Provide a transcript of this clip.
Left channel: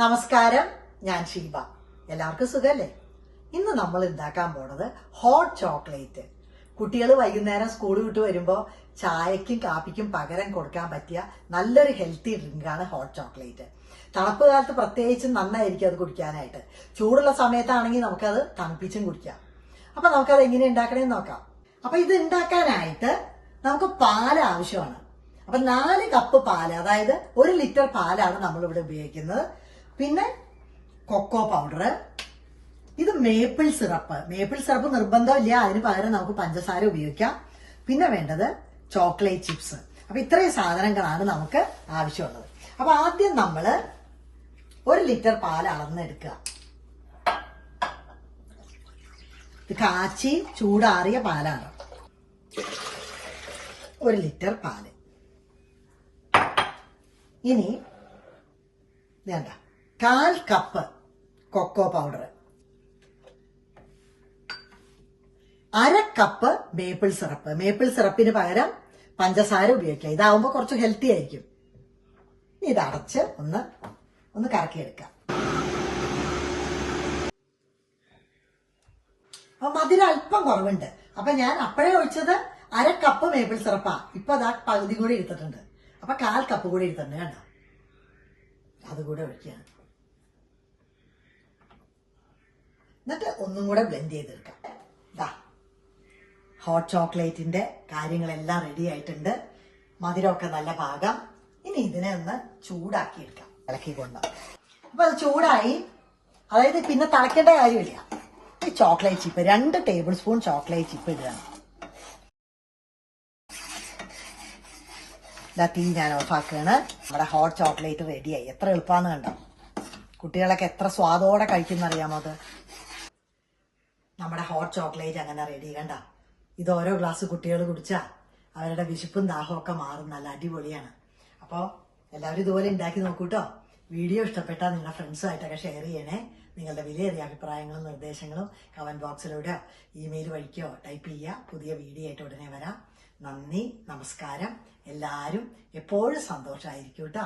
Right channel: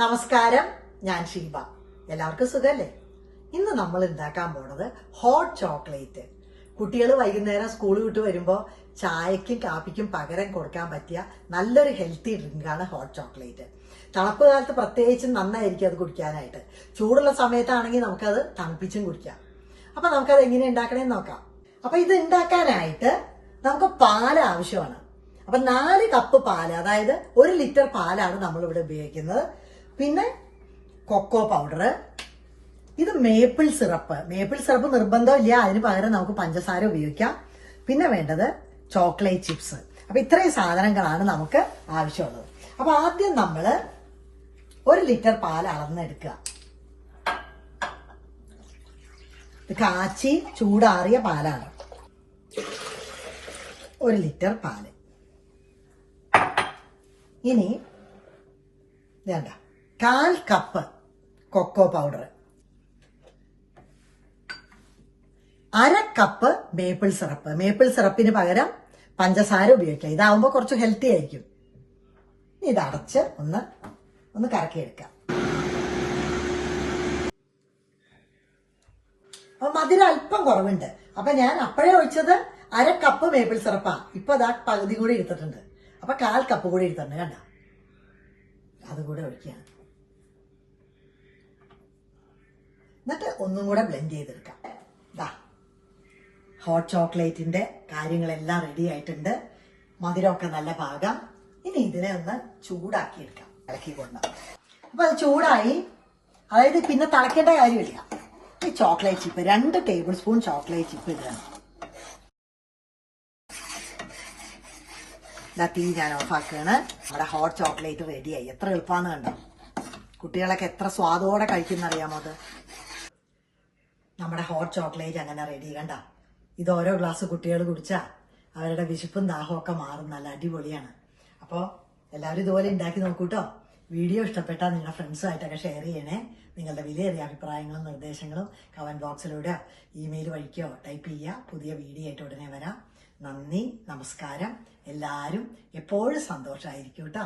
നമസ്കാരം ഞാൻ ഷീബ. എല്ലാവർക്കും സുഖല്ലേ? ഇന്ന് നമ്മൾ ഉണ്ടാക്കാൻ പോണത് ഹോട്ട് ചോക്ലേറ്റ് കുട്ടികൾ വൈകുന്നേരം സ്കൂൾ വിട്ട് വരുമ്പോൾ ചായക്കും കാപ്പിക്കും പകരം കൊടുക്കാൻ പറ്റിയ നല്ലൊരു ഹെൽത്തി ഡ്രിങ്കാണ് ഹോട്ട് ചോക്ലേറ്റ് തണുപ്പ് കാലത്ത് പ്രത്യേകിച്ച് നന്നായിരിക്കും അത് കുടിക്കാനായിട്ട്. ചൂടുള്ള സമയത്താണെങ്കിൽ നമുക്കത് തണുപ്പിച്ചും കുടിക്കാം. അപ്പൊ നമുക്കത് എങ്ങനെ ഉണ്ടാക്കണേന്ന് നോക്കാം. അപ്പൊ ഇത് ഉണ്ടാക്കാനായിട്ട് നമുക്ക് പാൽ ആവശ്യമാണ്. അപ്പൊ നാല് കപ്പ് പാൽ അതായത് ഒരു ലിറ്റർ പാലാണ് നമ്മൾ ഇവിടെ ഉപയോഗിക്കുന്നത്. പിന്നെ കൊക്കോ പൗഡർ ഇത് മേപ്പിൾ സിറപ്പ് മേപ്പിൾ സിറപ്പ് നിർബന്ധമില്ല. അതിന് പകരം നമുക്ക് പഞ്ചസാര ഉപയോഗിക്കാം. പിന്നെ വേണ്ടത് ചോക്ലേറ്റ് ചിപ്സ് അപ്പൊ ഇത്രയും സാധനങ്ങളാണ് നമുക്ക് ആവശ്യമുള്ളത്. അപ്പൊ ആദ്യം നമ്മൾ ഒരു ലിറ്റർ പാൽ അളന്നെടുക്കുക. കാച്ചി ചൂടാറിയ പാലാണ്. ഒരു ലിറ്റർ പാൽ. ഇനി വേണ്ട കാൽ കപ്പ് കൊക്കോ പൗഡർ. അര കപ്പ് മേപ്പിൾ സിറപ്പ് മേപ്പിൾ സിറപ്പിന് പകരം പഞ്ചസാര ഉപയോഗിക്കാം ഇതാവുമ്പോൾ കുറച്ച് ഹെൽത്തി ആയിരിക്കും. ഇത് അടച്ച് ഒന്ന് ഒന്ന് കറക്കിയെടുക്കാം. അപ്പൊ മധുരം അല്പം കുറവുണ്ട്. അപ്പൊ ഞാൻ അപ്പോഴേ ഒഴിച്ചത് അര കപ്പ് മേപ്പിൾ സിറപ്പാ ഇപ്പൊ അതാ പകുതി കൂടി എടുത്തിട്ടുണ്ട്. അപ്പൊ കാൽ കപ്പ് കൂടി എടുത്തിട്ടുണ്ട്. കണ്ട? അതുകൂടെ ഒഴിക്കുകയാണ്. എന്നിട്ട് ഒന്നും കൂടെ ബ്ലെൻഡ് ചെയ്തെടുക്കാം. ഇതാ ഹോട്ട് ചോക്ലേറ്റിന്റെ കാര്യങ്ങളെല്ലാം റെഡി ആയിട്ടുണ്ട്. മധുരമൊക്കെ നല്ല പാകം. ഇനി ഇതിനെ ഒന്ന് ചൂടാക്കി എടുക്കാം ഇളക്കിയിട്ടുണ്ട്. അപ്പൊ അത് ചൂടായി. അതായത് പിന്നെ തിളക്കേണ്ട കാര്യമില്ല. ഈ ചോക്ലേറ്റ് ചിപ്പ് രണ്ട് ടേബിൾ സ്പൂൺ ചോക്ലേറ്റ് ചിപ്പ് ഇടുകയാണ് ഇതാ തീ ഞാൻ ഓഫാക്കുകയാണ് നമ്മുടെ ഹോട്ട് ചോക്ലേറ്റ് റെഡിയായി എത്ര എളുപ്പമാണ് കണ്ടോ? കുട്ടികളൊക്കെ എത്ര സ്വാദോടെ കഴിക്കുന്നറിയാമോ അത്? നമ്മുടെ ഹോട്ട് ചോക്ലേറ്റ് അങ്ങനെ റെഡി കണ്ട. ഇത് ഓരോ ഗ്ലാസ് കുട്ടികൾ കുടിച്ചാൽ അവരുടെ വിശപ്പും ദാഹവും ഒക്കെ മാറും. നല്ല അടിപൊളിയാണ്. അപ്പോൾ എല്ലാവരും ഇതുപോലെ ഉണ്ടാക്കി നോക്കൂട്ടോ. വീഡിയോ ഇഷ്ടപ്പെട്ടാൽ നിങ്ങളുടെ ഫ്രണ്ട്സുമായിട്ടൊക്കെ ഷെയർ ചെയ്യണേ. നിങ്ങളുടെ വിലയേറിയ അഭിപ്രായങ്ങളും നിർദ്ദേശങ്ങളും കമന്റ് ബോക്സിലൂടെ ഇമെയിൽ വഴിക്കോ ടൈപ്പ് ചെയ്യുക പുതിയ വീഡിയോ ആയിട്ട് ഉടനെ വരാം. നന്ദി നമസ്കാരം. എല്ലാവരും എപ്പോഴും സന്തോഷമായിരിക്കും കേട്ടോ.